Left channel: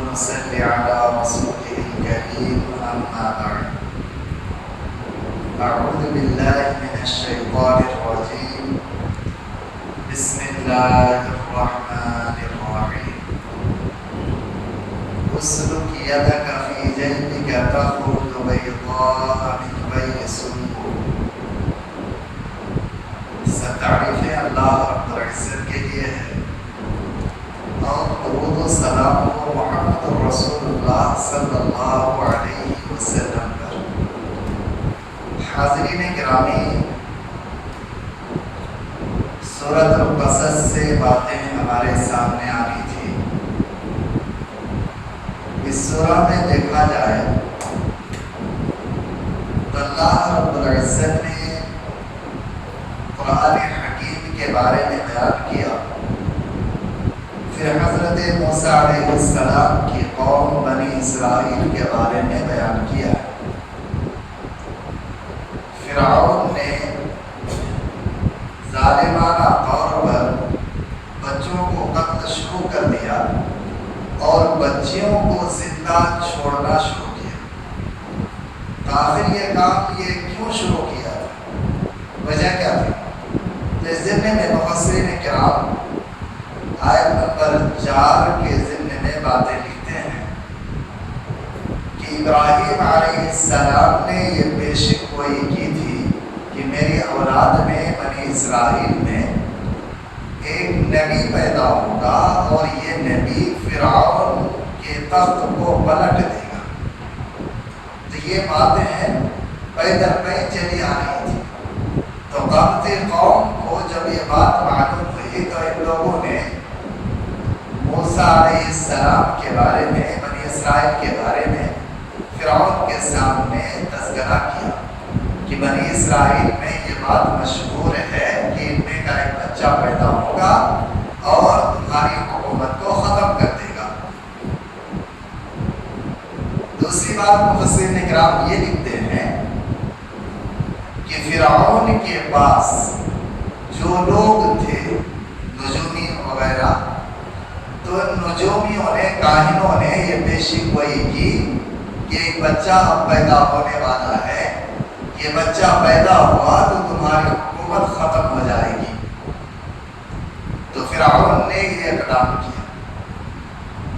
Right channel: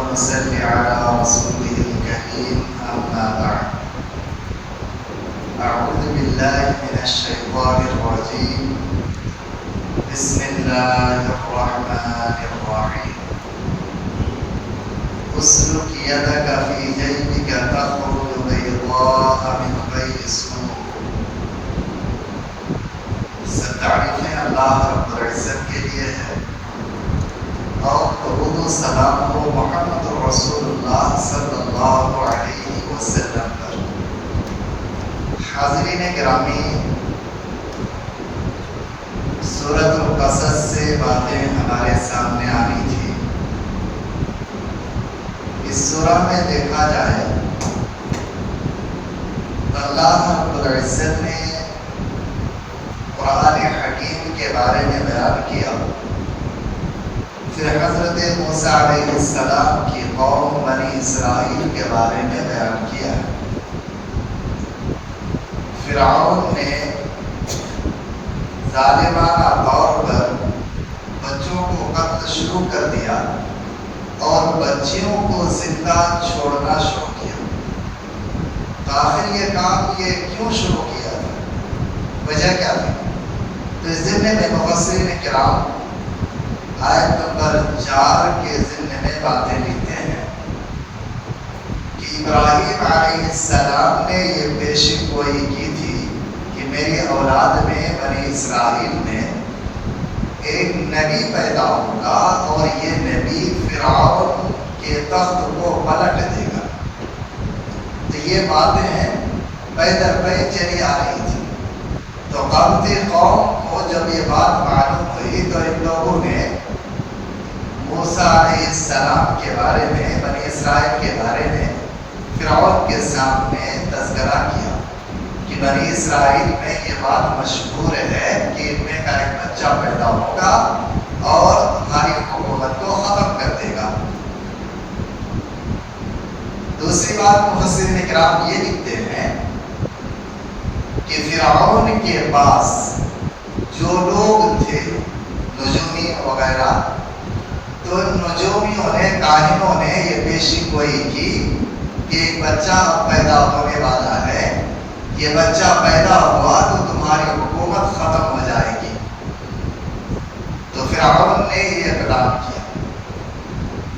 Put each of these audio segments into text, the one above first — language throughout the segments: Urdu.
ونصلي على رسوله الكريم أما بعد. أعوذ بالله من الشيطان الرجيم. بسم الله الرحمن الرحيم. اسلك يدك في جيبك تخرج بيضاء من غير سوء. سب تعریفیں اللہ رب العزت کے لیے ہے اور درود و سلام و محمد رسول اللہ صلی اللہ علیہ وسلم پر. حاضرین گرامی، سورۃ القصص سے باتیں ہمارے سامنے آنی تھی. اس سورہ میں دیکھا جائے تو اللہ رب العزت نے قرآن حکیم کے بارے میں بیان کیا. پھر حضرت موسیٰ علیہ السلام کی قوم بنی اسرائیل کے بارے میں بیان کیا. فرعون نے ظالمانہ طور پر بچوں کو قتل شروع کر دیا اور بچیوں کو زندہ چھوڑنا شروع کیا. تو آخر یہ کام یہ کیوں شروع کیا تھا؟ وجہ کیا تھی؟ تو اس ضمن میں مفسرین کرام آیت نمبر 4 کے ضمن میں باتیں لکھتے ہیں کہ ابراہیم علیہ السلام نے یہ پیشن گوئی کی تھی کہ میری اولاد میں بنی اسرائیل میں ایک نبی پیدا ہوگا اور یہ نبی فرعون کے تخت کو پلٹ دے گا. تو یہ باتیں پے در پے چلی آ رہی تھی. تو قبطی قوم کو جب یہ بات معلوم ہوئی تو ان لوگوں نے موسیٰ علیہ السلام کے بارے میں، بنی اسرائیل کے بارے میں فرعون کے سامنے تذکرہ کیا کہ بنی اسرائیل میں یہ بات مشہور ہے کہ ان میں کا ایک بچہ پیدا ہوگا اور تمہاری حکومت کو ختم کر دے گا. دوسری بات مفسرین کرام یہ لکھتے ہیں کہ فرعون کے پاس جو لوگ تھے نجومی وغیرہ، تو نجومیوں نے، کاہنوں نے یہ پیشی گوئی کی کہ ایک بچہ اب پیدا ہونے والا ہے، یہ بچہ پیدا ہوا تو تمہاری حکومت ختم ہو جائے گی. تو فرعون نے یہ اقدام کیا.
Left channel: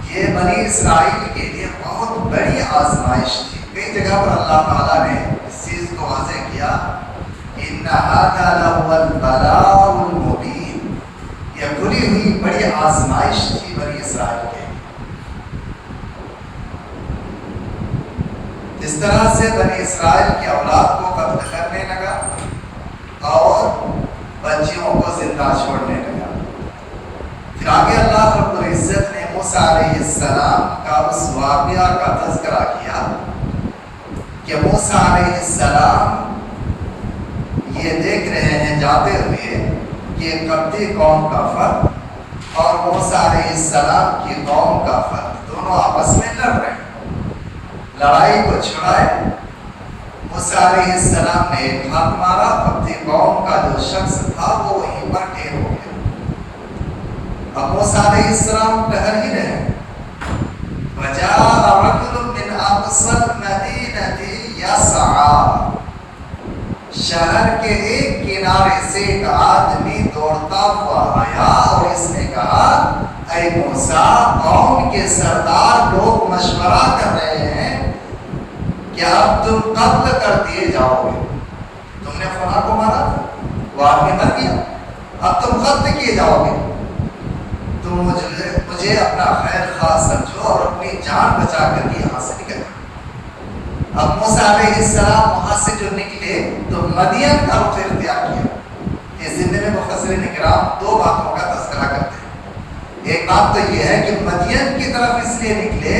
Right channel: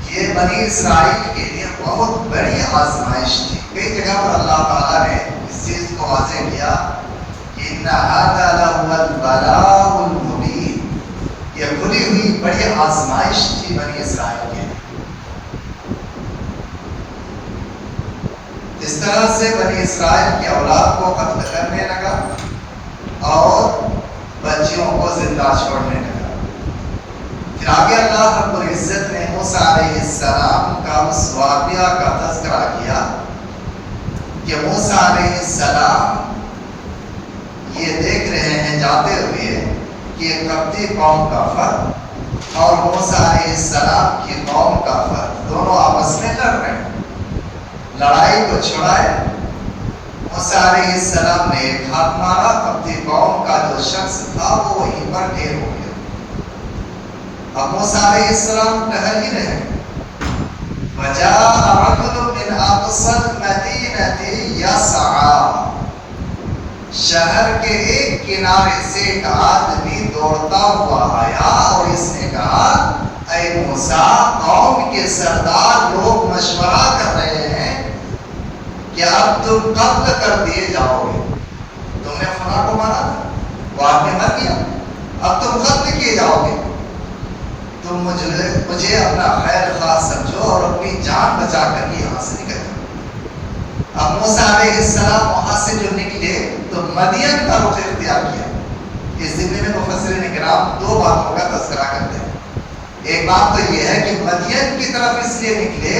یہ بنی اسرائیل کے لیے بہت بڑی آزمائش تھی. کئی جگہ پر اللہ تعالیٰ نے اس چیز کو واضح کیا کہ ان ھذا لھو البلاء المبین. یہ کھلی ہوئی بڑی آزمائش تھی بنی اسرائیل کے. اس طرح سے بنی اسرائیل کی اولاد کو قتل کرنے لگا اور بچیوں کو زندہ چھوڑنے لگا. پھر آگے اللہ رب العزت نے موسیٰ علیہ السلام کا اس واقعہ کا تذکرہ کیا کہ موسیٰ علیہ السلام یہ دیکھ رہے ہیں جاتے ہوئے کہ قبطی قوم کا فرد اور موسیٰ علیہ السلام کی قوم کا فرد دونوں آپس میں لڑ رہے ہیں. لڑائی کو چھڑائے موسیٰ علیہ السلام نے ایک ہاتھ مارا. قبطی قوم کا جو شخص تھا وہ وہیں پر ڈھیر ہو گیا. اب موسیٰ علیہ السلام ٹہل ہی رہے. وَجَاءَ رَجُلٌ مِّنْ أَقْصَى الْمَدِينَةِ يَسْعَىٰ. شہر کے ایک کنارے سے ایک آدمی دوڑتا ہوا آیا اور اس نے کہا، اے موسیٰ، قوم کے سردار لوگ مشورہ کر رہے ہیں کہ اب تم قتل کر دیے جاؤ گے. تم نے فلاں کو مارا تھا، وہ آدمی مر گیا، اب تم قتل کیے جاؤ گے. تم مجھے اپنا خیر خواہ سمجھو اور اپنی جان بچا کر کے یہاں سے نکل جاؤ. اب موسیٰ علیہ السلام وہاں سے جو نکلے تو مدین کا رخ اختیار کیا. اس ضمن میں مفسرین کرام دو باتوں کا تذکرہ کرتے ہیں. ایک بات تو یہ ہے کہ مدین کی طرف اس لیے نکلے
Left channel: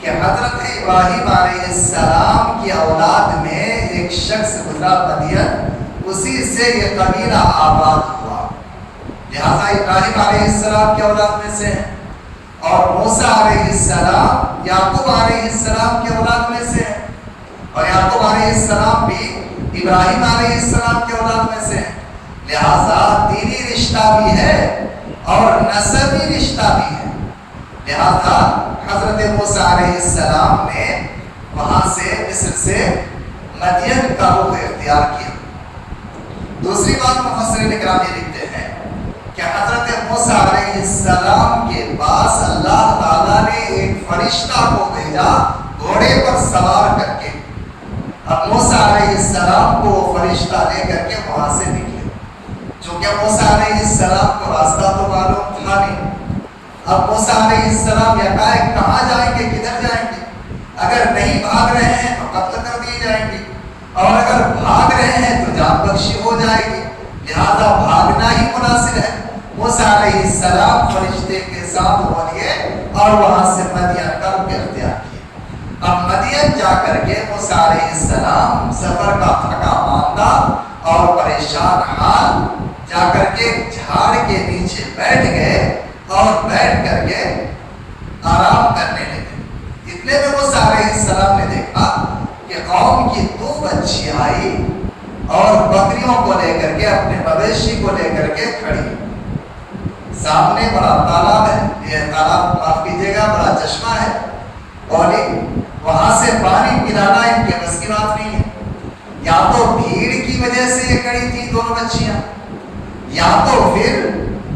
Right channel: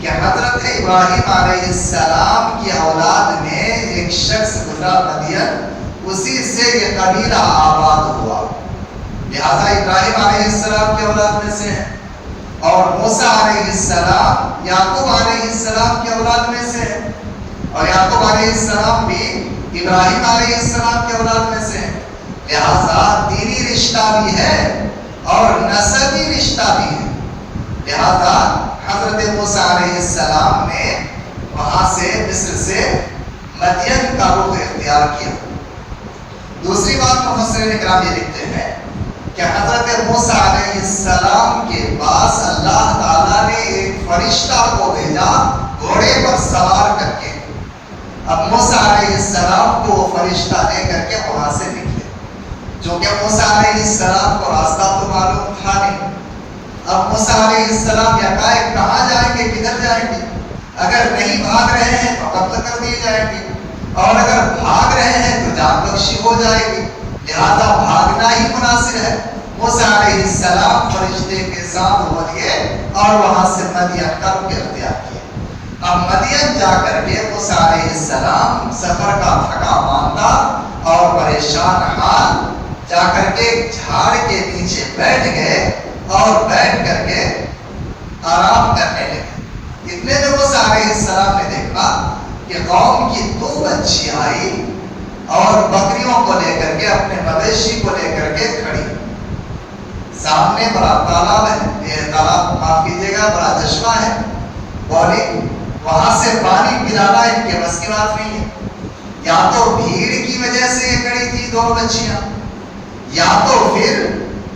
کہ حضرت ابراہیم علیہ السلام کی اولاد میں ایک شخص گزرا مدین، اسی سے یہ قبیلہ آباد ہوا. لہذا ابراہیم علیہ السلام کی اولاد میں سے ہیں اور موسیٰ علیہ السلام یعقوب علیہ السلام کی اولاد میں سے ہیں اور یعقوب علیہ السلام بھی ابراہیم علیہ السلام کی اولاد میں سے ہیں. لہذا دینی رشتہ بھی ہے اور نسبی رشتہ بھی ہے. لہذا حضرت موسیٰ علیہ السلام نے وہاں سے مصر سے مدین کا رخ اختیار کیا۔ دوسری بات مفسرین اکرام یہ لکھتے ہیں کہ حضرت موسیٰ علیہ السلام کے پاس اللہ تعالیٰ نے ایک فرشتہ کو بھیجا گھوڑے پر سوار کر کے۔ اب موسیٰ علیہ السلام کو وہ فرشتہ لے کر کے وہاں سے نکلے، چونکہ موسیٰ علیہ السلام کو راستہ تو معلوم تھا نہیں۔ اب موسیٰ علیہ السلام یکایک کہاں جائیں گے، کدھر جائیں گے؟ اگر نہیں بھاگ رہے ہیں تو قتل کر دیے جائیں گے، اور اگر بھاگ رہے ہیں تو جان بخشی ہو جائے گی، لہذا بھاگنا ہی مناسب ہے۔ موسیٰ علیہ السلام فرشتے کے ساتھ ہو لیے اور وہاں سے مدین کا رخ اختیار کیا۔ اب مدین جا کر کے موسیٰ علیہ السلام سفر کا تھکا ماندہ اور پریشان حال جا کر کے جھاڑ کے نیچے بیٹھ گئے اور بیٹھ کر کے آرام کرنے لگے۔ اتنے میں موسیٰ علیہ السلام نے دیکھا کہ قوم کی 2 بچی آئی اور بکریوں کو لے کر کے، اپنے مویشی کو لے کر کے کھڑی۔ سامنے بڑا تالاب ہے، یہ تالاب معاف کیجیے گا بڑا چشمہ ہے، اور وہاں سے پانی پلانا ان کے بس کی بات نہیں ہے۔ یا تو بھیڑ کی وجہ سے یہ کھڑی تھی 2 بچیاں، یا تو پھر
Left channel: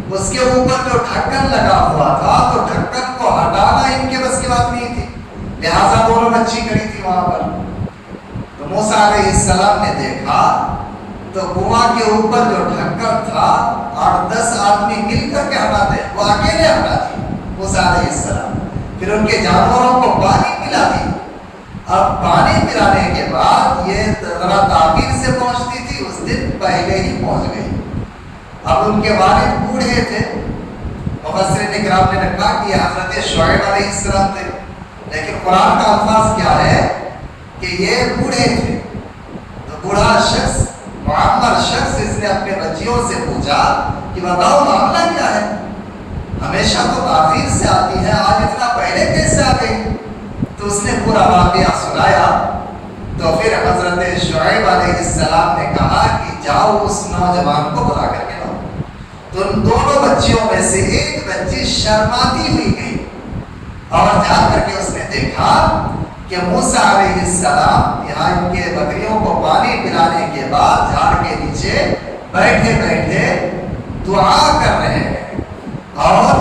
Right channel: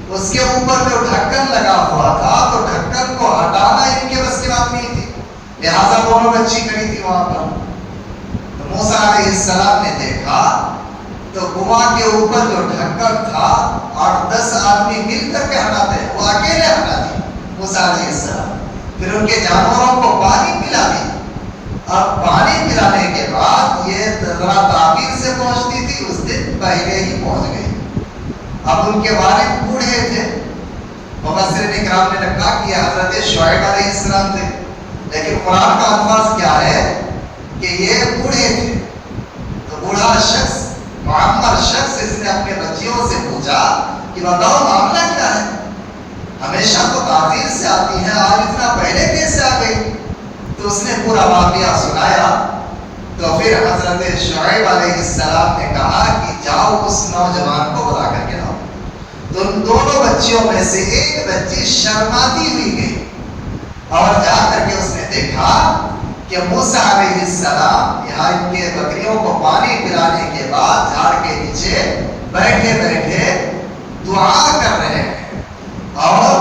اس کے اوپر جو ڈھکن لگا ہوا تھا تو ڈھکن کو ہٹانا ان کے بس کی بات نہیں تھی، لہٰذا 2 بچی کھڑی تھی وہاں پر۔ تو موسیٰ علیہ السلام نے دیکھا تو کنواں کے اوپر جو ڈھکن تھا 8-10 آدمی مل کر کے ہٹاتے ہیں، وہ اکیلے ہٹا دی موسیٰ علیہ السلام۔ پھر ان کے جانوروں کو پانی پلا دی۔ اب پانی پلانے کے بعد یہ ذرا تعبیر سے پہنچتی تھی، اس دن پہلے ہی پہنچ گئی۔ اب ان کے والد بوڑھے تھے، مفسرین اکرام نے لکھا کہ حضرت شعیب علیہ السلام تھے، لیکن قرآن کا الفاظ کیا ہے کہ یہ بوڑھے تھے۔ تو بوڑھا شخص، معمر شخص، اس نے اپنے بچیوں سے پوچھا کہ بتاؤ معاملہ کیا ہے، ہمیشہ تو تاخیر سے آتی ہے، آج اتنا پہلے کیسے آ گئی؟ تو اس نے پورا واقعہ سنایا۔ تو پھر حضرت شعیب علیہ السلام نے کہا کہ جاؤ اس نوجوان کو بلا کر کے لاؤ۔ تو ان 2 بچیوں میں سے ایک بچی شرماتی ہوئی گئی اور جا کر کے اس نے دیکھا کہ موسیٰ علیہ السلام یہاں ان کے بکریوں کو پانی پلانے کے بعد جھاڑ کے نیچے بیٹھے بیٹھے دعا کر رہے ہیں اور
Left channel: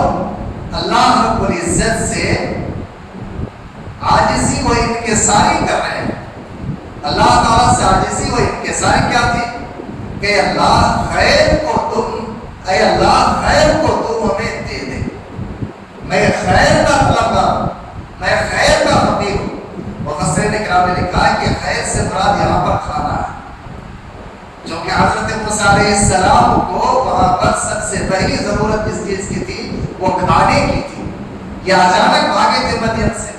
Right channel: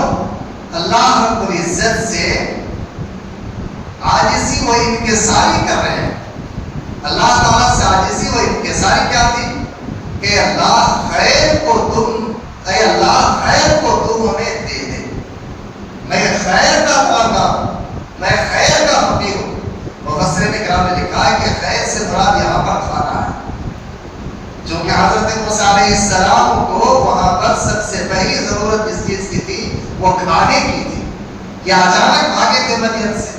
اللہ رب العزت سے عاجزی و انکساری کر رہے ہیں۔ اللہ تعالیٰ سے عاجزی و انکساری کیا تھی کہ اللہ خیر کو تم، اے اللہ خیر کو تم ہمیں دے دے، میں خیر کا طلبگار ہوں، میں خیر کا فقیر ہوں۔ مفسرین اکرام نے لکھا ہے کہ خیر سے مراد یہاں پر کھانا ہے، جو کہ حضرت موسیٰ علیہ السلام کو وہاں پر سب سے پہلی ضرورت جس چیز کی تھی وہ کھانے کی تھی۔ یہ اچانک بھاگے تھے مدین سے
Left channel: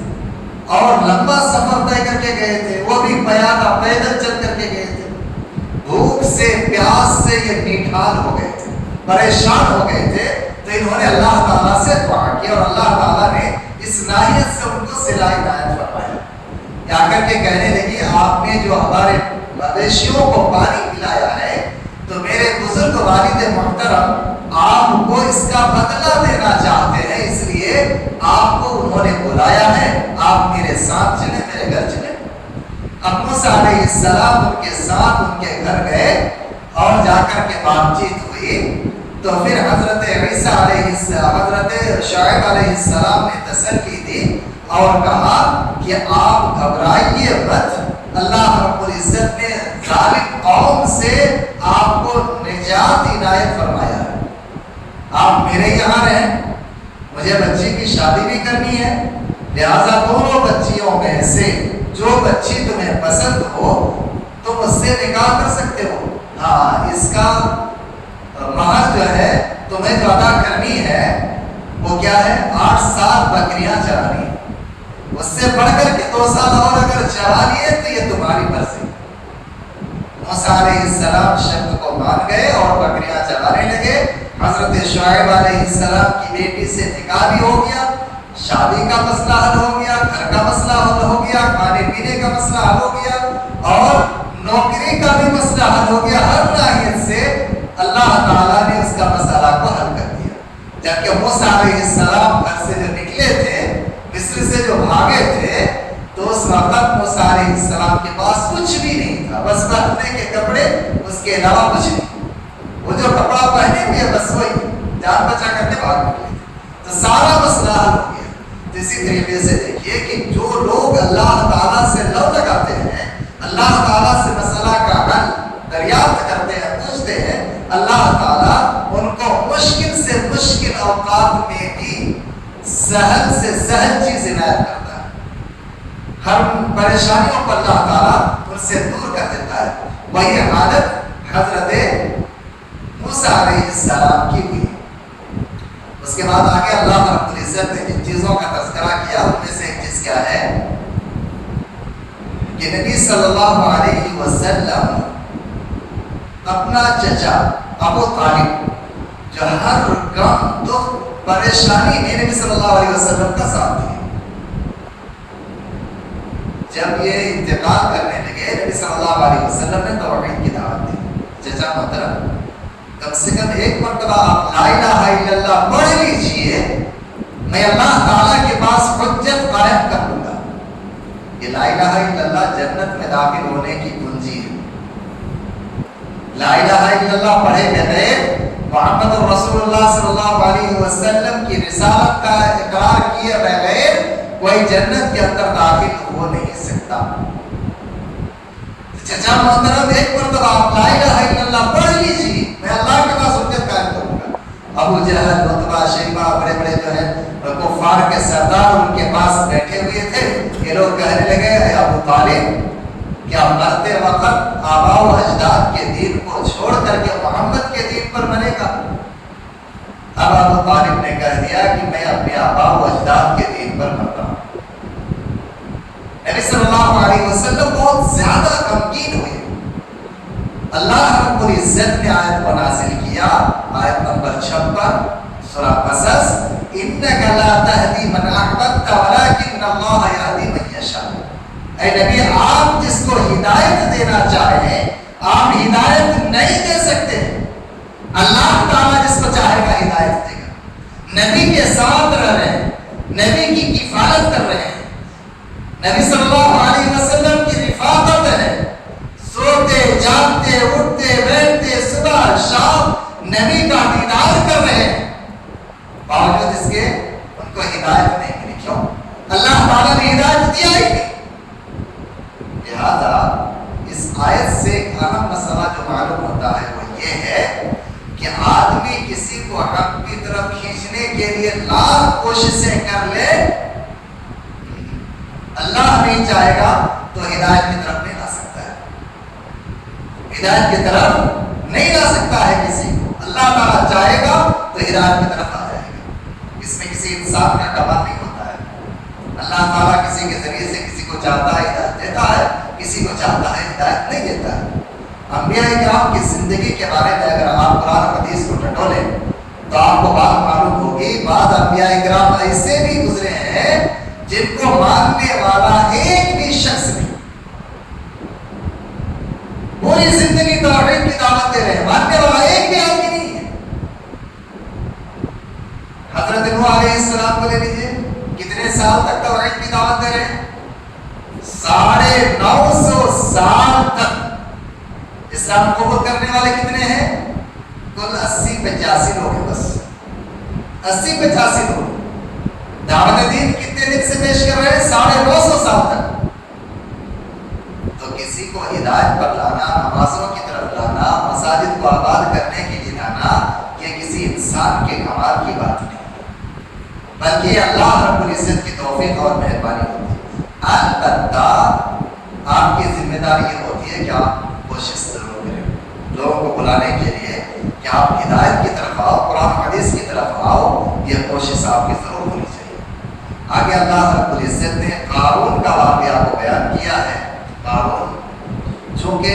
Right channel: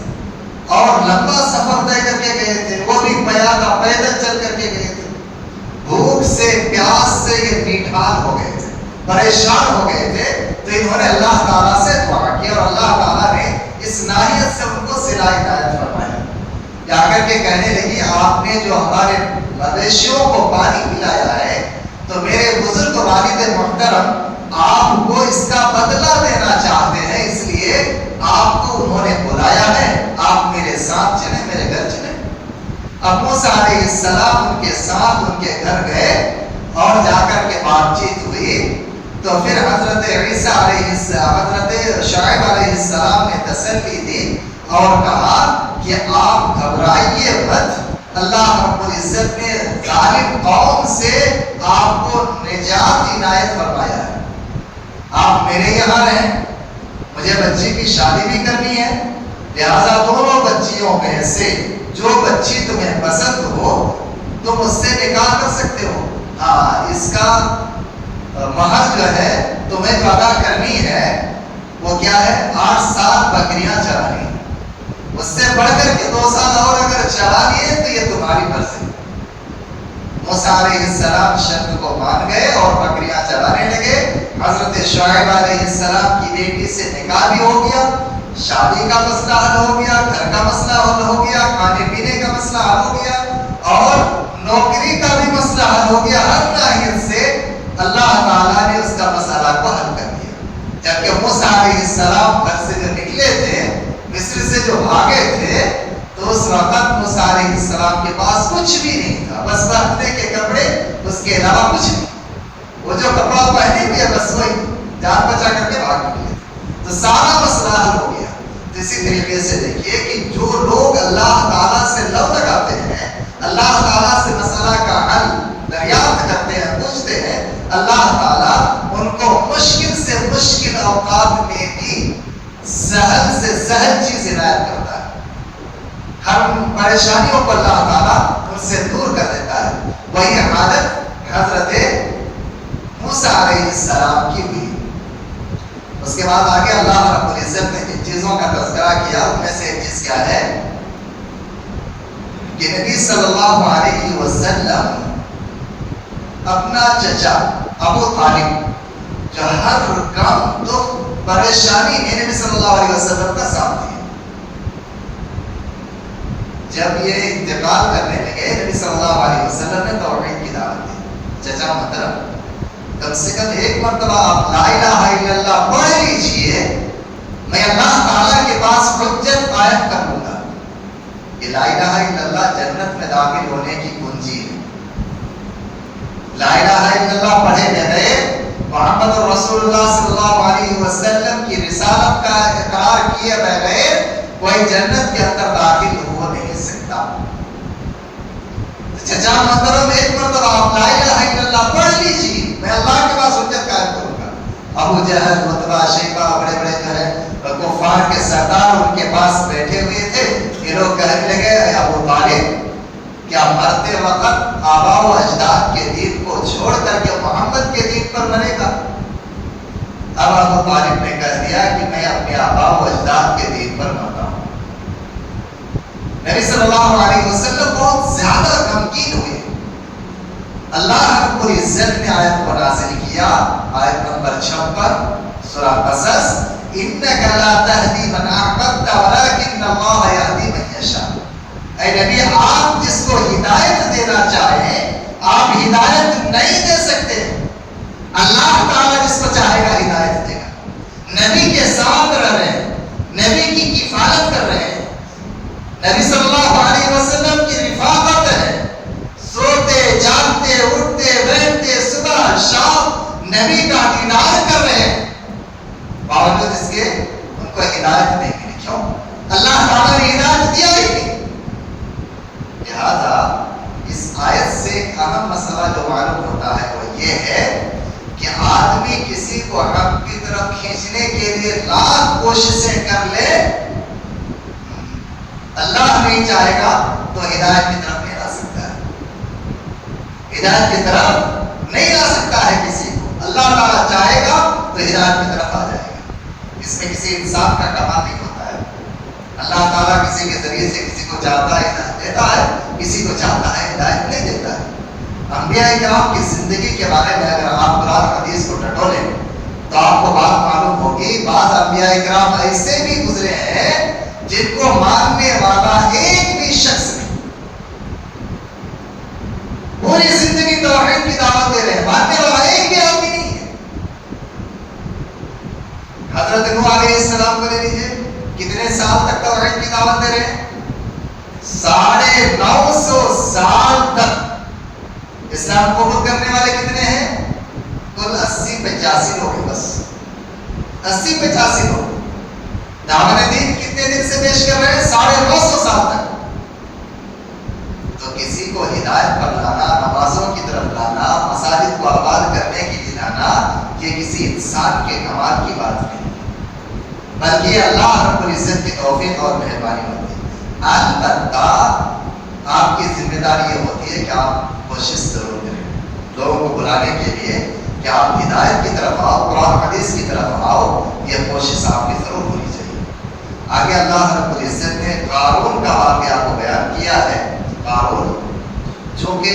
اور لمبا سفر طے کر کے گئے تھے، وہ بھی پیادہ پیدل چل کر کے گئے تھے۔ بھوک سے پیاس سے یہ نیٹھال ہو گئے تھے، پریشان ہو گئے تھے، تو انہوں نے اللہ تعالیٰ سے دعا کی اور اللہ تعالیٰ نے اس ناحیت سے ان کو صلہ عنایت فرمایا۔ جا کر کے کہنے لگی آپ نے جو ہمارے مویشیوں کو پانی پلایا ہے تو میرے بزرگ والد محترم آپ کو اس کا بدلہ دینا چاہتے ہیں، اس لیے آپ کو انہوں نے بلایا ہے، آپ میرے ساتھ چلیں، میرے گھر چلیں۔ اب موسیٰ علیہ السلام ان کے ساتھ ان کے گھر گئے اور جا کر کے بات چیت ہوئی۔ تو پھر حضرت شعیب علیہ السلام نے تسلی دی اور کہا کہ آپ گھبرائیے مت، اللہ رب العزت نے ظالم قوم سے آپ کو نجات عنایت فرمایا ہے، آپ میرے یہاں رہیں، مجھے بچی کی شادی بھی کرنی ہے، لہذا 2 بچیوں میں سے جو بچی تمہیں پسند ہو تم اس سے نکاح کر سکتے ہو۔ ہاں، اس کا مہر جو ہے تمہیں جو ادا کرنی ہے وہ کیا ہے، 8 سال بکریاں چرانی، اس سے بڑھ کر کے 2 سال اور اگر چلا لیے تو یہ تمہاری مرضی۔ موسیٰ علیہ السلام شرط کو مان گئے اور بکریاں چرانے لگے۔ حضرت شعیب علیہ السلام کی بیٹی سے نکاح بھی ہو گیا، شادی کا مسئلہ حل ہو گیا، گھر کا مسئلہ حل ہو گیا، کھانے پینے کا مسئلہ حل ہو گیا اور نوکری کا بھی مسئلہ حل ہو گیا۔ ہر ناحیت سے اللہ تعالیٰ نے اس کا مسئلہ کو حل کر دیا۔ جبکہ موسیٰ علیہ السلام گھر سے جو نکلے تھے مصر مصر سے جو بھاگے تھے تو اس وقت موسیٰ علیہ السلام کے پاس کچھ بھی نہیں تھا، بس پہننے کے کپڑے، اس کے علاوہ کچھ نہیں۔ وہ جو کپڑا پہنے ہوئے بس وہی جان بچا کرنے بھاگ نکلے، تو سارا مسئلہ حل ہو گیا۔ تو اسی طریقے سے دیکھیے کہ جو لوگ اللہ تعالیٰ سے لو لگاتے ہیں، اللہ تعالیٰ سے مسئلہ کا حل دریافت کرتے ہیں، پوچھتے ہیں، اللہ تعالیٰ ان کو مشکل سے مشکل اوقات میں بھی سہل سے سہل چیز عنایت کرتا ہے۔ ہر پریشانیوں کو اللہ تعالیٰ ان سے دور کر دیتا ہے۔ وہی حالت حضرت موسیٰ علیہ السلام کی ہوئی۔ اس کے بعد آگے اللہ رب العزت نے جن چیزوں کا تذکرہ کیا ان میں سے ایک چیز کیا ہے کہ نبی صلی اللہ علیہ وسلم اپنا چچا ابو طالب جو ہر غم دکھ پریشانی میں نبی صلی اللہ علیہ وسلم کا ساتھ دیا، جب یہ انتقال کرنے لگے نبی صلی اللہ علیہ وسلم نے توحید کی دعوت دی۔ چچا محترم، کم سے کم ایک مرتبہ آپ لا الہ الا اللہ پڑھ لیجئے، میں اللہ تعالیٰ کے پاس حجت قائم کر لوں گا۔ یہ لا الہ الا اللہ جنت میں داخل ہونے کی کنجی ہے۔ لا الہ الا اللہ پڑھے بغیر محمد رسول اللہ صلی اللہ علیہ وسلم کی رسالت کا اقرار کیے بغیر کوئی جنت کے اندر داخل ہو نہیں سکتا۔ چچا محترم، ایک مرتبہ آپ لا الہ الا اللہ پڑھ لیجیے، میں اللہ کے پاس حجت قائم کروں گا۔ ابو جہل، عتبہ، شیبہ، بڑے بڑے جو ہے کفار کے سردار ان کے پاس بیٹھے ہوئے تھے۔ یہ لوگ کہنے لگے، اے ابو طالب، کیا مرتے وقت آباء و اجداد کے دین کو چھوڑ کر کے محمد کے دین پر بنے گا؟ اب ابو طالب نے کہہ دیا کہ میں اپنے آباء و اجداد کے دین پر مرتا ہوں۔ نبی صلی اللہ علیہ وسلم بہت زیادہ غمگین ہوئے۔ اللہ رب العزت نے آیت کو نازل کیا، آیت نمبر 56 سورہ قصص، انک لا تہدی من احببت ولکن اللہ یہدی من یشاء۔ اے نبی، آپ جس کو ہدایت دینا چاہیں آپ ہدایت نہیں دے سکتے، اللہ تعالیٰ جس کو چاہے گا ہدایت دے گا۔ نبی کے ساتھ رہ رہے ہیں، نبی کی کفالت کر رہے ہیں، نبی صلی اللہ علیہ وسلم کی رفاقت ہے، سوتے جاگتے اٹھتے بیٹھتے صبح شام نبی کا دیدار کر رہے ہیں، باوجود اس کے ان کو ہدایت نہیں ملی۔ کیوں؟ اللہ تعالیٰ نے ہدایت دیا ہی نہیں۔ لہذا اس آیت سے ایک اہم مسئلہ جو معلوم ہوتا ہے وہ یہ ہے کہ آدمی کسی کو حق کی طرف کھینچنے کے لیے لاکھ کوششیں کر لے، اللہ نہیں چاہے گا تو ہدایت کی طرف نہیں لا سکتا ہے، ہدایت کی طرف نہیں لا سکتا ہے کسی کو۔ اللہ تعالیٰ چاہے گا تو ہدایت کی طرف آ جائے گا۔ اس میں کسی انسان کا کمال نہیں ہوتا ہے۔ اللہ تعالیٰ کسی کے ذریعے سے کسی کو چاہتا ہے ہدایت دیتا ہے، کسی کو چاہتا ہے ہدایت نہیں دیتا ہے۔ انبیاء کرام کی زندگی کے بارے میں اگر آپ قرآن حدیث کو ٹٹولیں تو آپ کو بات معلوم ہوگی، بعض انبیاء کرام ایسے بھی گزرے ہیں جن کو ماننے والا ایک بھی شخص نہیں، پوری زندگی توحید کی دعوت دے رہے ہیں، ماننے والا ایک بھی آدمی نہیں ہے۔ حضرت نوح علیہ السلام کو لے لیجیے، کتنے سال تک توحید کی دعوت دے رہے ہیں؟ 950 سال تک۔ اسلام قبول کرنے والے کتنے ہیں؟ کل 80-85 لوگ ہیں، بس 80-85 لوگ۔ دعوت دین کتنے دن سے پیش کر رہے ہیں؟ 950 سال تک۔ تو کسی کو ہدایت پر لانا، نمازوں کی طرف لانا، مساجد کو آباد کرنے کے لیے لانا، یہ کسی انسان کے کمال کی بات نہیں، بلکہ اللہ رب العزت کی توفیق اور مہربانی ہوتی ہے۔ البتہ آپ کی ذمہ داری یہ ہوتی ہے کہ آپ کوشش ضرور کریں لوگوں کو بلانے کے لیے کہ آپ ہدایت کی طرف آؤ، قرآن حدیث کی طرف آؤ، یہ کوشش آپ کی ضرور ہونی چاہیے۔ آگے اللہ رب العزت نے قارون کا واقعہ کو بیان کیا ہے۔ قارون جو کہ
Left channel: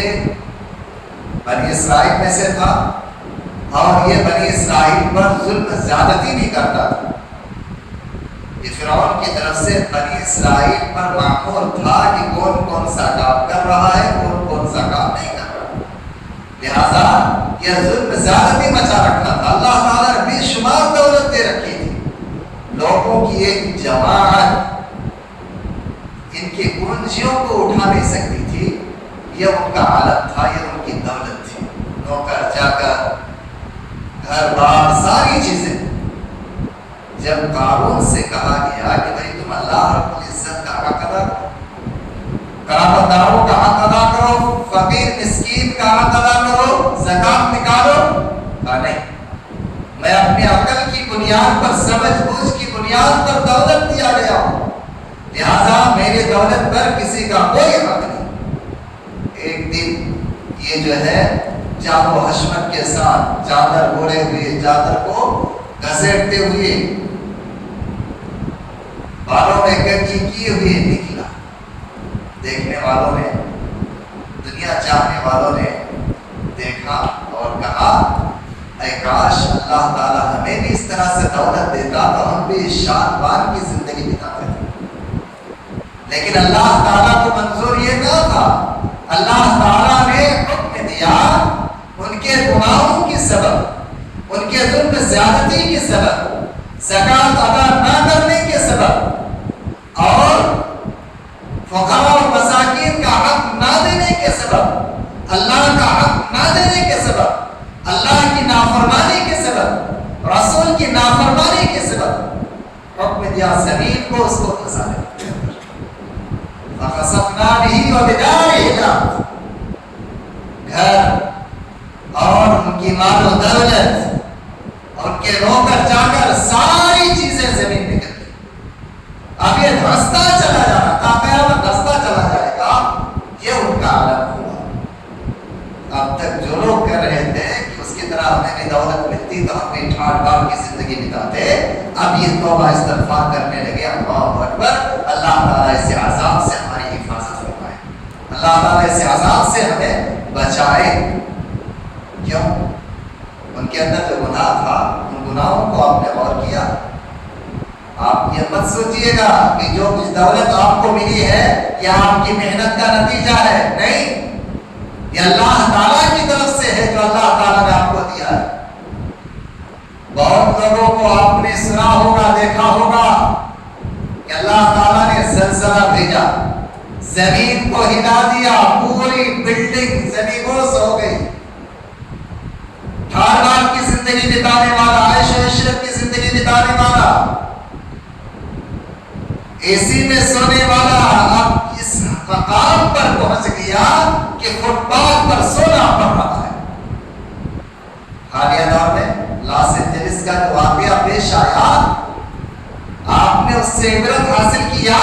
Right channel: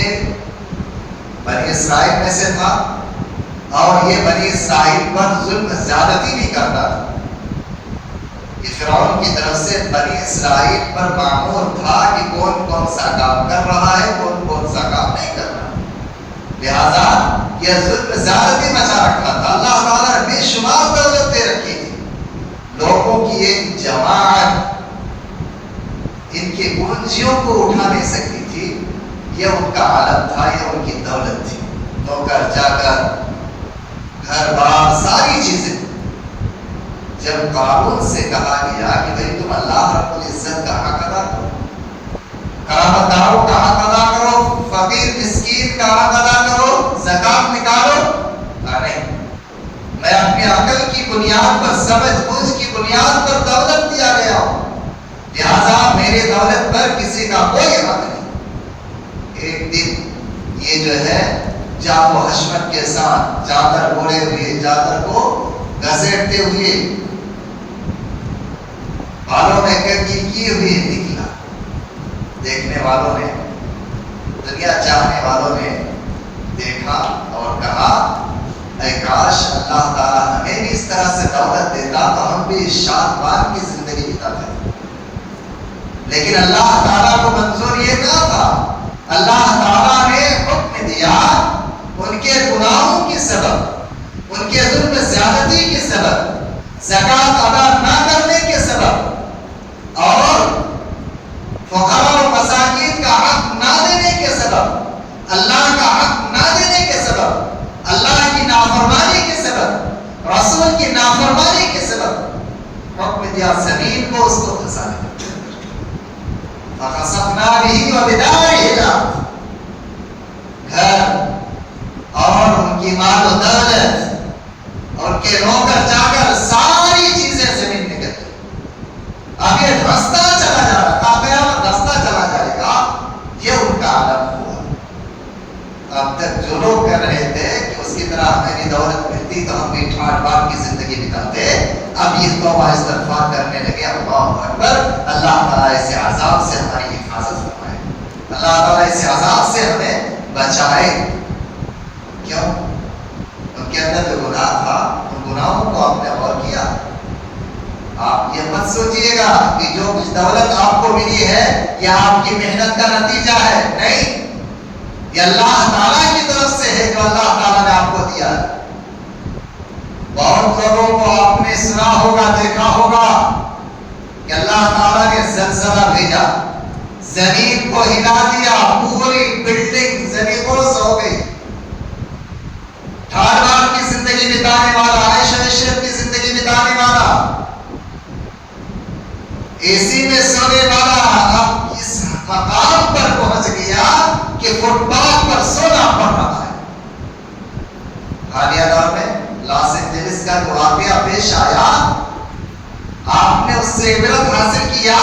بنی اسرائیل میں سے تھا اور یہ بنی اسرائیل پر ظلم زیادتی بھی کرتا تھا۔ یہ فرعون کی طرف سے بنی اسرائیل پر معمول تھا کہ کون کون سا کام کر رہا ہے، کون کون سا کام نہیں کر رہا، لہذا یہ ظلم زیادتی مچا رکھا تھا۔ اللہ تعالیٰ نے بے شمار دولت دے رکھی تھی، لوگوں کی ایک جماعت جن کی کنجیوں کو اٹھا نہیں سکتی تھی، یہ ان کا عالم تھا، یہ ان کی دولت تھی. نوکر جا کر گھر بار ساری چیزیں. جب قارون سے کہا گیا کہ بھئی تم اللہ رب العزت کا حق ادا کرو، قرابت داروں کا حق ادا کرو، فقیر مسکین کا حق ادا کرو، زکات نکالو، نہیں، میں اپنی عقل کی بنیاد پر، سمجھ بوجھ کی بنیاد پر دولت دیا گیا ہوں، لہذا میری دولت پر کسی کا کوئی حق نہیں. ایک دن یہ جو ہے جام و حشمت کے ساتھ چادر اوڑے ہوئے، چادر کو گھسیٹتے ہوئے، بالوں میں کنگھی کیے ہوئے نکلا. دیکھنے والوں نے، دنیا چاہنے والوں نے دیکھا اور کہا اے کاش اللہ تعالیٰ ہمیں بھی اس طرح سے دولت دیتا تو ہم بھی شان بان کی زندگی بتاتے. لیکن اللہ تعالیٰ کو منظور یہ نہ تھا. اللہ تعالیٰ نے حکم دیا ان کے گناہوں کی سبب، ان کے ظلم زیادتی کی سبب، زکات ادا نہ کرنے کے سبب اور فقراء اور مساکین کا حق نہ دینے کے سبب، اللہ کا حق نہ دینے کے سبب، اللہ کی نافرمانی کے سبب، رسول کی نافرمانی کے سبب حکم دیا زمین کو اس کو دھسا دے. فخسفنا به وبداره الارض. گھر اور ان کی مال و دولت اور ان کے نوکر جا کر ساری چیزیں زمین میں گئی. اب یہ دھستا چلا جا رہا تھا، قیامت دھستا چلا جائے گا، یہ ان کا عالم ہوا. اب تک جو لوگ کر رہے تھے کہ اس کی طرح ہمیں بھی دولت ملتی تو ہم بھی ٹھاٹ بار کی زندگی بتاتے، اب یہ توبہ استغفار کرنے لگے. اللہ اکبر. اللہ تعالیٰ اس عذاب سے ہماری حفاظت فرمائے، اللہ تعالیٰ اس عذاب سے ہمیں بچائے. کیوں؟ ان کے اندر جو گناہ تھا، ان گناہوں کو آپ نے غور کیا. آپ یہ مت سوچئے گا کہ جو کچھ دولت آپ کو ملی ہے یہ آپ کی محنت کا نتیجہ ہے. نہیں، یہ اللہ تعالیٰ کی طرف سے ہے جو اللہ تعالیٰ نے آپ کو دیا ہے. بہت لوگوں کو آپ نے سنا ہوگا، دیکھا ہوگا کہ اللہ تعالیٰ نے زلزلہ بھیجا، زمین کو ہلا دیا، پوری بلڈنگ زمینوز ہو گئی. ٹھار کی زندگی بتانے والا، عیش و عشرت کی زندگی بتانے والا، اے سی میں سونے والا اب اس مقام پر پہنچ گیا کہ فٹ پاتھ پر سونا پڑ رہا ہے. حالیہ دور میں لاس اینجلس کا جو واقعہ پیش آیا، آپ نے اس سے عبرت حاصل کیا.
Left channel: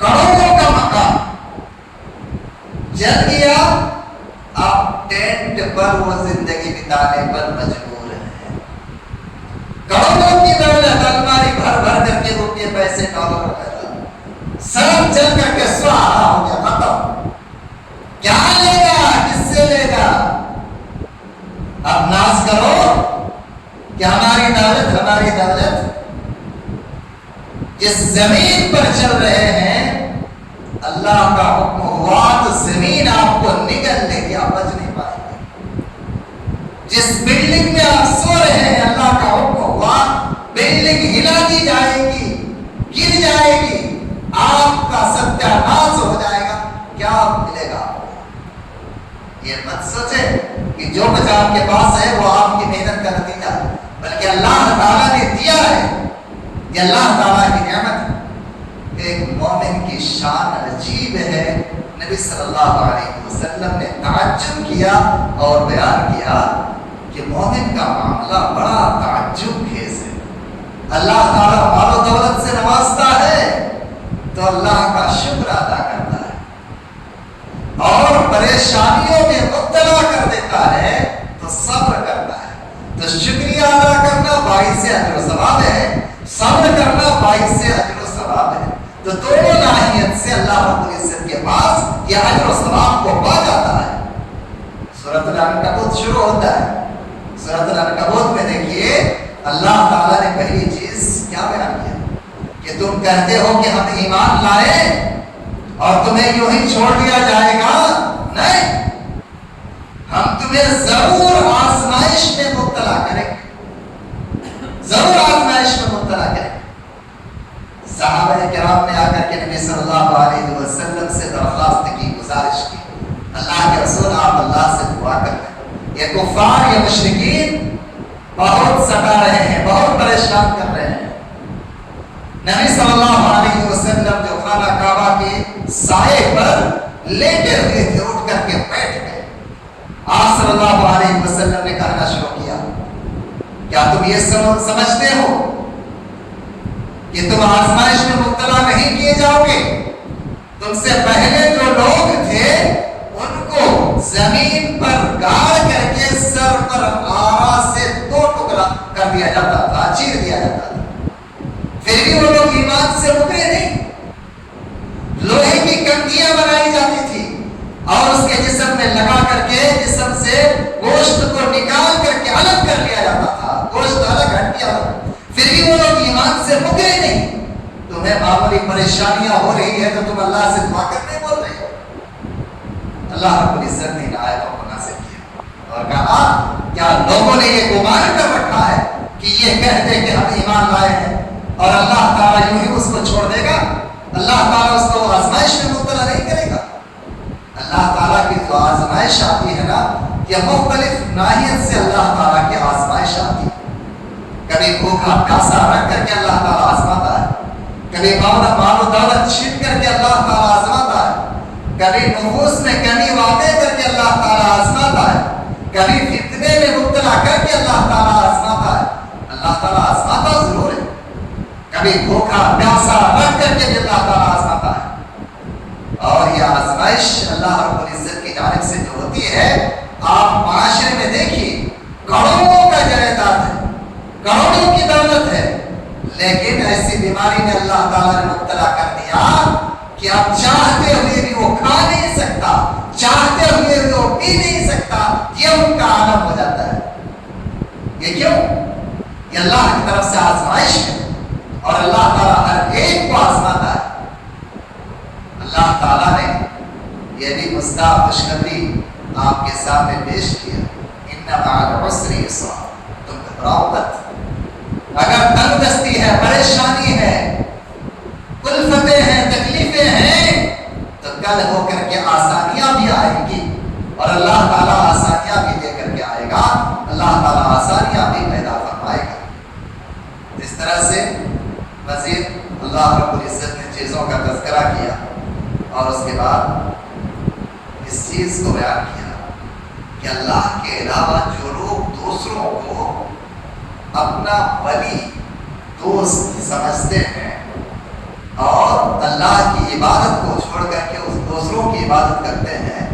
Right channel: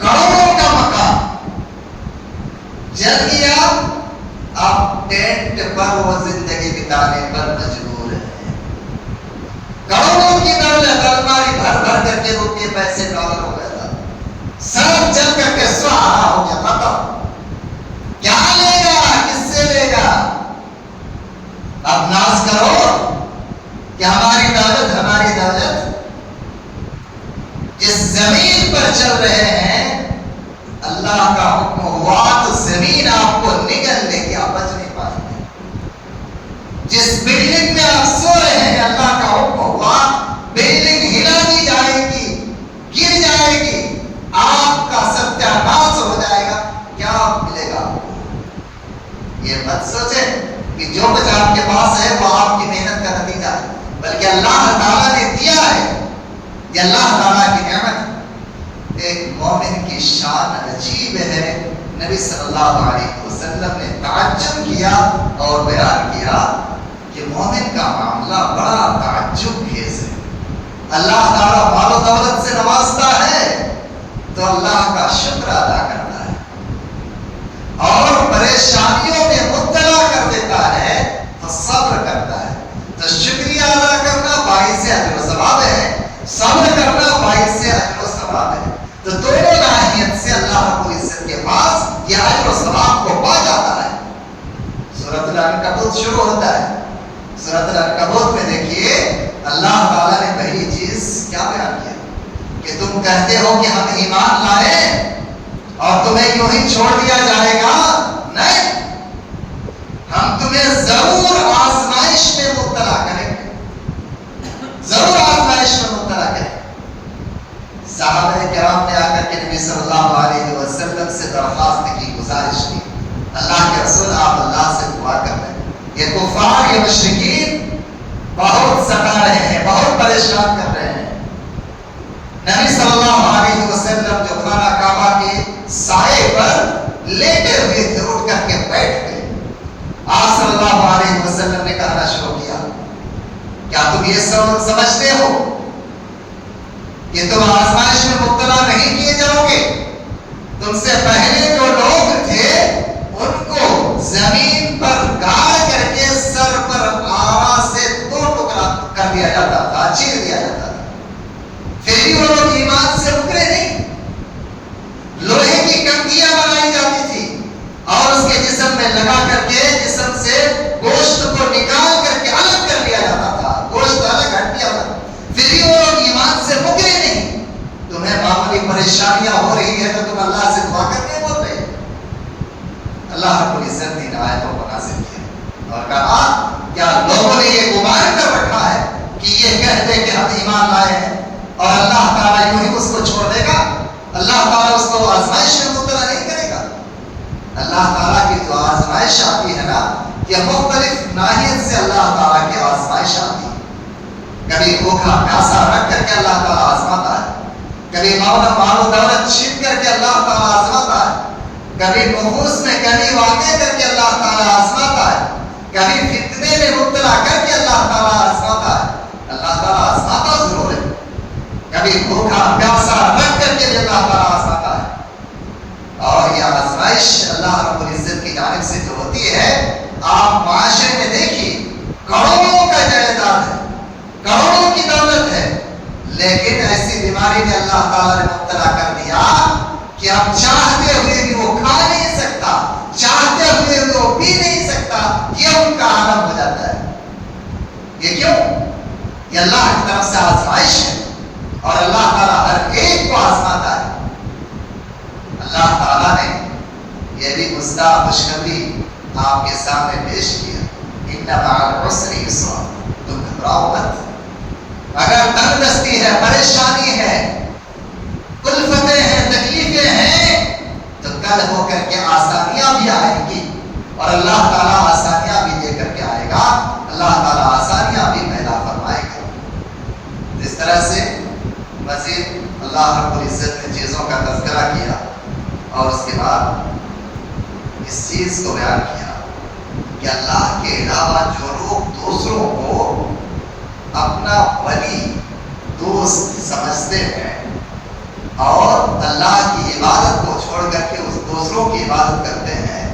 کروڑوں کا مکان جل گیا، آپ ٹینٹ پر وہ زندگی بتانے پر مجبور ہیں. کروڑوں کی دولت، الماری بھر بھر کر کے روپے پیسے ڈالر وغیرہ سب جل کر کے سہارا ہو گیا، ختم. کیا لے گا، کس سے لے گا؟ اب ناز کرو کہ ہماری دولت، ہماری دولت. جس زمین پر چل رہے ہیں اللہ کا حکم ہوا تو زمین آپ کو نگل لے گی، آپ بچ نہیں پائیں گے. جس بلڈنگ میں آپ سو رہے ہیں اللہ کا حکم ہوا بلڈنگ ہلا دی جائے گی، گر جائے گی، آپ کا ستیہ ناش ہو جائے گا. کیا ملے گا؟ یہ مت سوچیں کہ جو کچھ آپ کے پاس ہے وہ آپ کی محنت کا نتیجہ ہے، بلکہ اللہ تعالیٰ نے دیا ہے. یہ اللہ تعالیٰ کی نعمت ہے. ایک مومن کی شان عجیب ہے. نبی صلی اللہ علیہ وسلم نے تعجب کیا اور بیان کیا کہ مومن کا معاملہ بڑا تعجب خیز ہے. اللہ تعالیٰ مال و دولت سے نوازتا ہے تو اللہ کا شکر ادا کرتا ہے، اور پریشانیوں میں مبتلا کر دیتا ہے تو صبر کرتا ہے. تو شکریہ ادا کرنا باعث اجر و ثواب ہے، صبر کرنا باعث اجر و ثواب ہے. تو دونوں ناحیت سے اللہ رب العزت کے پاس یہ اجر و ثواب کو پا جاتا ہے. سورۃ العنکبوت شروع ہوتا ہے. سورۃ العنکبوت میں دیکھیے اللہ تعالیٰ نے پہلی چیز کیا بیان کیا کہ تم کہتے ہو کہ ہم ایمان لائے اور تمہیں یوں ہی چھوڑ دیا جائے گا. نہیں، ہم تمہیں ضرور آزمائش میں مبتلا کریں گے، ضرور آزمائش میں مبتلا کریں گے. صحابہ کرام نے آ کر کے نبی صلی اللہ علیہ وسلم سے درخواست کی، گزارش کی، اللہ کے رسول آپ اللہ سے دعا کر رہے ہیں، یہ کفار، یہ مشرکین بہت ستا رہے ہیں، بہت پریشان کر رہے ہیں۔ نبی صلی اللہ علیہ وسلم جو خانہ کعبہ کے سائے پر لیٹے ہوئے تھے، اٹھ کر کے بیٹھ گئے۔ آپ صلی اللہ علیہ وسلم نے کہنا شروع کیا، کیا تم یہ سمجھتے ہو کہ تم آزمائش میں مبتلا نہیں کیے جاؤ گے؟ تم سے پہلے جو لوگ تھے ان کو زمین پر گاڑ کر کے سر پر آرا سے 2 ٹکڑا کر دیا جاتا تھا، چیر دیا جاتا تھا، پھر بھی وہ لوگ ایمان سے مکرے نہیں۔ لوہے کی کنگیاں بنائی جاتی تھی اور اس کے جسم میں لگا کر کے جسم سے گوشت کو نکال کر کے الگ کر لیا جاتا تھا، گوشت الگ ہٹیا تھا، پھر بھی وہ لوگ ایمان سے مکرے نہیں۔ تمہیں معمولی پریشانیاں ہو رہی ہے تو تم اللہ سے دعا کرنے بول رہے ہو۔ اللہ رب العزت نے ان آیتوں کو نازل کیا اور کہا کیا لوگوں نے یہ گمان کر رکھا ہے کہ یہ کہتے کہ ہم ایمان لائے ہیں اور اللہ تعالیٰ یوں ہی اس کو چھوڑ دے گا؟ اللہ تعالیٰ اس کو آزمائش میں مبتلا نہیں کرے گا۔ اللہ تعالیٰ کی جو آزمائش آتی ہے نا، یہ مختلف ناحیت سے اللہ تعالیٰ کی آزمائش آتی ہے۔ کبھی بھوکا پیاسا رکھ کر کے اللہ تعالیٰ آزماتا ہے، کبھی مال و دولت چھین کر کے اللہ تعالیٰ آزماتا ہے، کبھی نفوس میں کمی واقع کر کے اللہ تعالیٰ آزماتا ہے، کبھی فتنے میں مبتلا کر کے اللہ تعالیٰ آزماتا ہے۔ اللہ تعالیٰ آزماتا ضرور ہے، کبھی بھوکا پیاسا رکھ کر کے بھی اللہ تعالیٰ آزماتا ہے۔ اور یہ آزمائش اللہ رب العزت کی جانب سے جو ہوتی ہے، آپ معاشرے میں دیکھیے کروڑوں کا جائیداد ہے، کروڑوں کی دولت ہے، لیکن ایسی بیماری میں اللہ تعالیٰ نے مبتلا کر دیا کہ اب چاہتے ہوئے بھی وہ کھا نہیں سکتا، چاہتے ہوئے بھی وہ پی نہیں سکتا، یہ ان کا عالم ہو جاتا ہے۔ یہ کیوں؟ یہ اللہ کی طرف سے آزمائش ہے اور اللہ تعالیٰ ہر ایک کو آزماتا ہے۔ اللہ تعالیٰ نے یہ بھی مصداق خوشخبری آپ کے سامنے پیش کیا، ان مع العسر یسرا، تم گھبراؤ مت۔ اگر تنگ دستی ہے، پریشانی ہے، کلفتیں ہیں، تکلیفیں ہیں، تو کل ہو کر کے آسانیاں بھی آئیں گی اور اللہ تعالیٰ آسانیاں بھی دے کر کے آئے گا، اللہ تعالیٰ آسانیاں بھی پیدا فرمائے گا۔ اس طرح سے مزید اللہ رب العزت نے چیزوں کا تذکرہ کیا اور اس کے بعد اس چیز کو بیان کیا کہ اللہ کے علاوہ جو لوگ دوسروں کو اپنا ولی دوست سمجھتے ہیں اور اللہ کی عبادت کو چھوڑ کر کے اس دوسروں کی عبادت کرتے ہیں،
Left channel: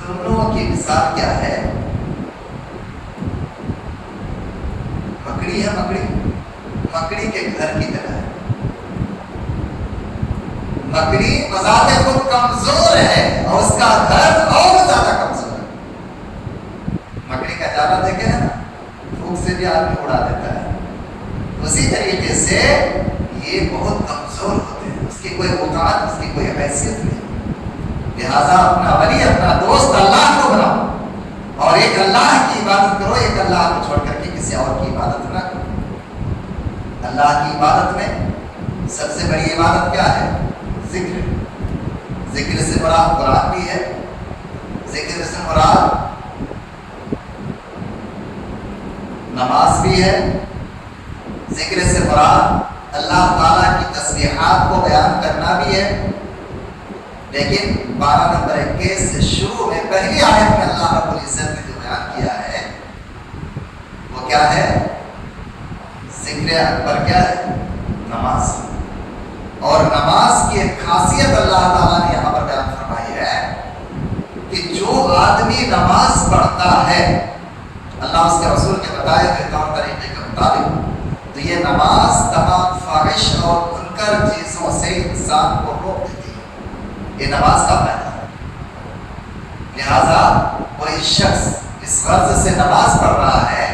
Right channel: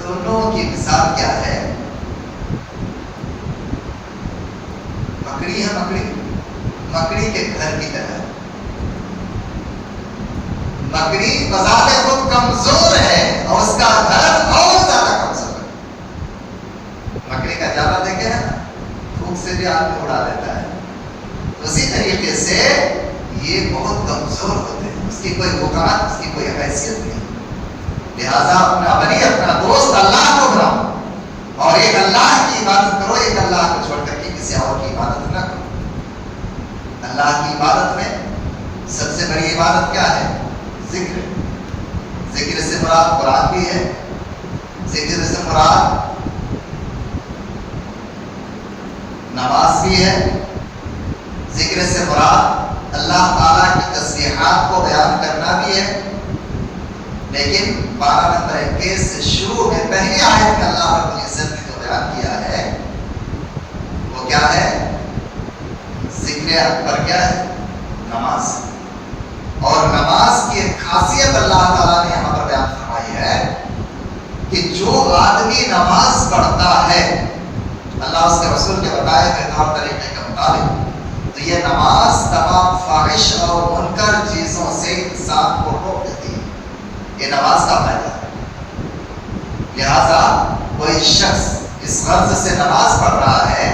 دونوں کی مثال کیا ہے؟ مکڑی ہے، مکڑی کے گھر کی طرح۔ مکڑی بذات خود کمزور ہے اور اس کا گھر اور زیادہ کمزور ہے۔ مکڑی کا جالا دیکھے نا، پھوک سے بھی آدمی اڑا دیتا ہے، اسی طریقے سے یہ بہت کمزور ہوتے ہیں، اس کی کوئی وقارت، اس کی کوئی حیثیت نہیں۔ لہذا اپنا ولی، اپنا دوست اللہ کو بناؤ اور ایک اللہ کی عبادت کرو، ایک اللہ کو چھوڑ کر کے کسی اور کی عبادت نہ کرو۔ اللہ کی عبادت میں سب سے بڑی عبادت کیا ہے؟ ذکر۔ ذکر سے مراد قرآن بھی ہے، ذکر سے مراد نماز بھی ہے، ذکر سے مراد اللہ تعالیٰ کی تسبیحات کو بیان کرنا بھی ہے۔ لیکن 12 نمبر 21 سے شروع میں پہلی آیت میں اللہ رب العزت نے جو بیان کیا ہے وہ کیا ہے؟ ذکر اکبر کیا ہے؟ نماز۔ اور نماز کی ایک خاصیت اللہ تعالیٰ نے یہاں پر بیان فرمائی ہے کہ جو آدمی نماز پڑھتا ہے، اللہ اس کے رسول کے بتائے ہوئے طور طریقے کے مطابق، تو یہ نماز تمام فاحش اور منکر چیزوں سے انسان کو روک دیتی ہے۔ یہ نماز کا فائدہ ہے۔ لہذا کوئی شخص اس غرض سے نماز پڑھ رہا ہے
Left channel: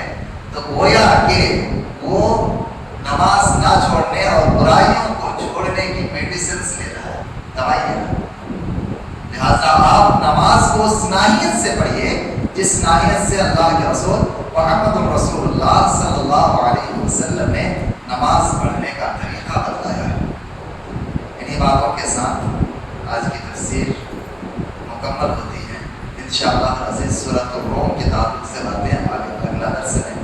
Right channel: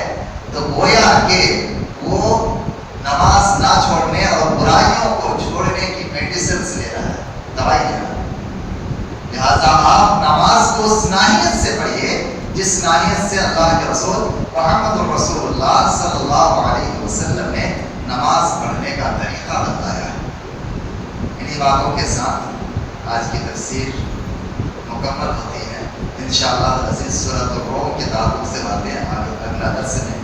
تو گویا کہ وہ نماز نہ چھوڑنے اور برائیوں کو چھوڑنے کی میڈیسنز لے رہا ہے، دوائی لے رہا ہے۔ لہذا آپ نماز کو اس ناحیت سے پڑھیے جس ناحیت سے اللہ کے رسول محمد رسول اللہ صلی اللہ علیہ وسلم نے نماز پڑھنے کا طریقہ بتایا ہے۔ انہی باتوں کے ساتھ آج کی تفسیر مکمل ہوتی ہے۔ انشاءاللہ عزیز سورۃ الروم کے تعلق سے باتیں آگے اگلا درس میں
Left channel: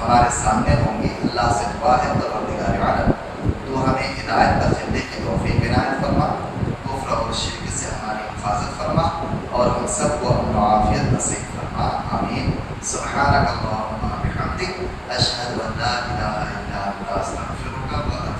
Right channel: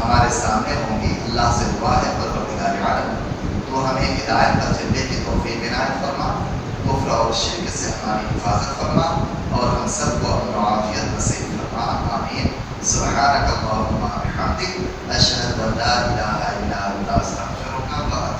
ہمارے سامنے ہوں گی۔ اللہ سے دعا ہے پروردگار عالم تو ہمیں ہدایت پر چلنے کی توفیق عنایت فرما، کفر اور شرک سے ہماری حفاظت فرما، اور ہم سب کو امن و عافیت نصیب فرما، آمین۔ سبحانک اللہم و بحمدک، اشہد ان لا الہ الا انت، استغفرک و